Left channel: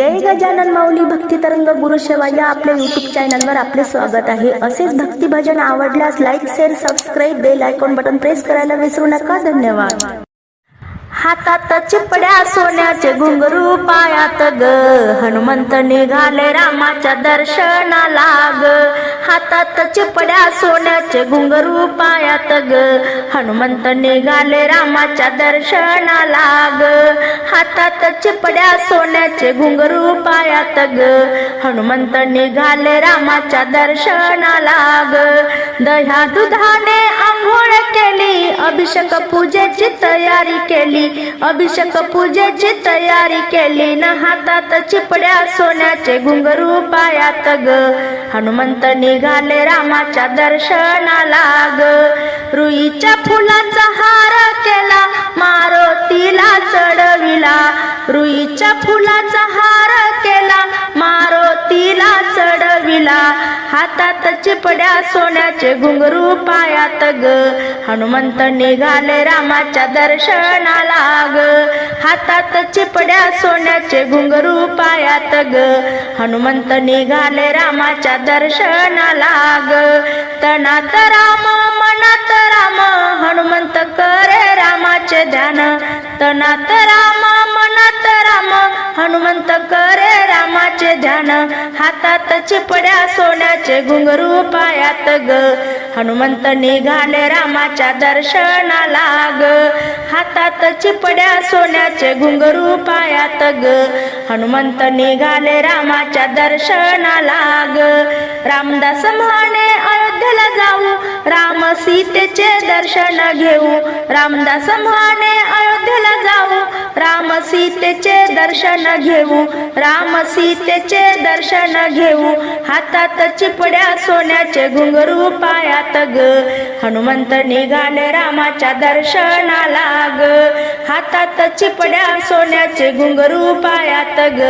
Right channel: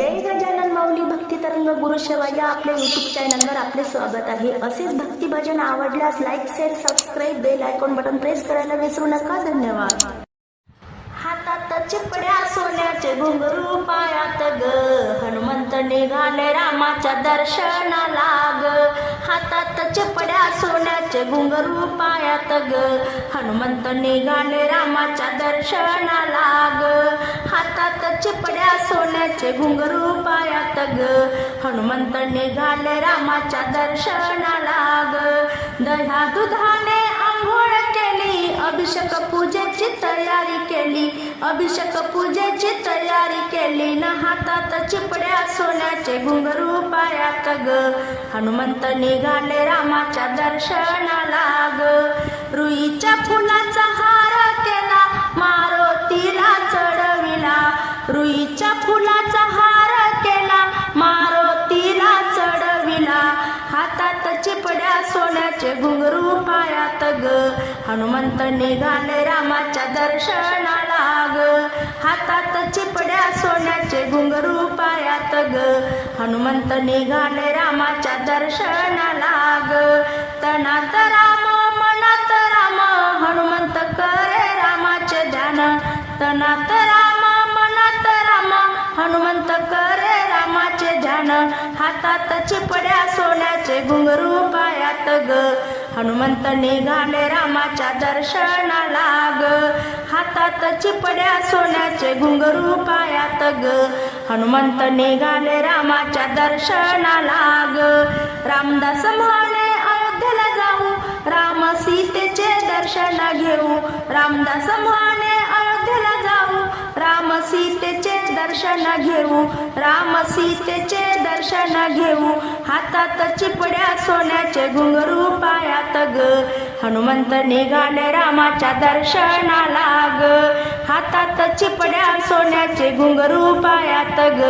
जय गजानन माऊली भक्ती तरंग गुरु शेवा या आपल्या युट्यूब चॅनलवर आपले स्वागत आहे. असेच भक्ती भजन आवडल्यास like share subscribe bell icon button press करायला विसरू नका. धन्यवाद. हातात चिपड्या सोन्याचे घुंगरू पायात ग. हनुमंत निघाले रामाच्या दर्शनाला ग. हातात चिपड्या सोन्याचे घुंगरू पायात ग. हनुमंत निघाले रामाच्या दर्शनाला ग. हातात चिपड्या सोन्याचे घुंगरू पायात ग. हनुमंत निघाले रामाच्या दर्शनाला ग. दह्या दुधाने अभिषेक पूजेची तयारी केली. अभिषेक पूजेची तयारी केली. न हातात चिपड्या सोन्याचे घुंगरू पायात ग. हनुमंत निघाले रामाच्या दर्शनाला ग. रुईच्या फुलाचा हार केला. मारुतीला चढविला. रुईच्या फुलाचा हार हातात चिपड्या सोन्याचे घुंगरू पायात ग. हनुमंत निघाले रामाच्या दर्शनाला ग. हातात चिपड्या सोन्याचे घुंगरू पायात ग. हनुमंत निघाले रामाच्या दर्शनाला ग. तनात राम मनात राम हनुमंत करे रामाचे ध्यान. तनात राम मनात राम हनुमंत करे रामाचे ध्यान हातात चिपड्या सोन्याचे घुंगरू पायात ग. हनुमंत निघाले रामाच्या दर्शनाला ग. हातात चिपड्या सोन्याचे घुंगरू पायात ग. हनुमंत निघाले रामाच्या दर्शनाला ग. रामदास म्हणे अयोध्येला जाऊ. राम सीतेचे दर्शन घेऊ. रामदास म्हणे अयोध्येला जाऊ. राम सीतेचे दर्शन घेऊ. राम सीतेचे दर्शन घेऊ. हातात चिपड्या सोन्याचे घुंगरू पायात ग. हनुमंत निघाले रामाच्या दर्शनाला ग. हातात चिपड्या सोन्याचे घुंगरू पायात ग.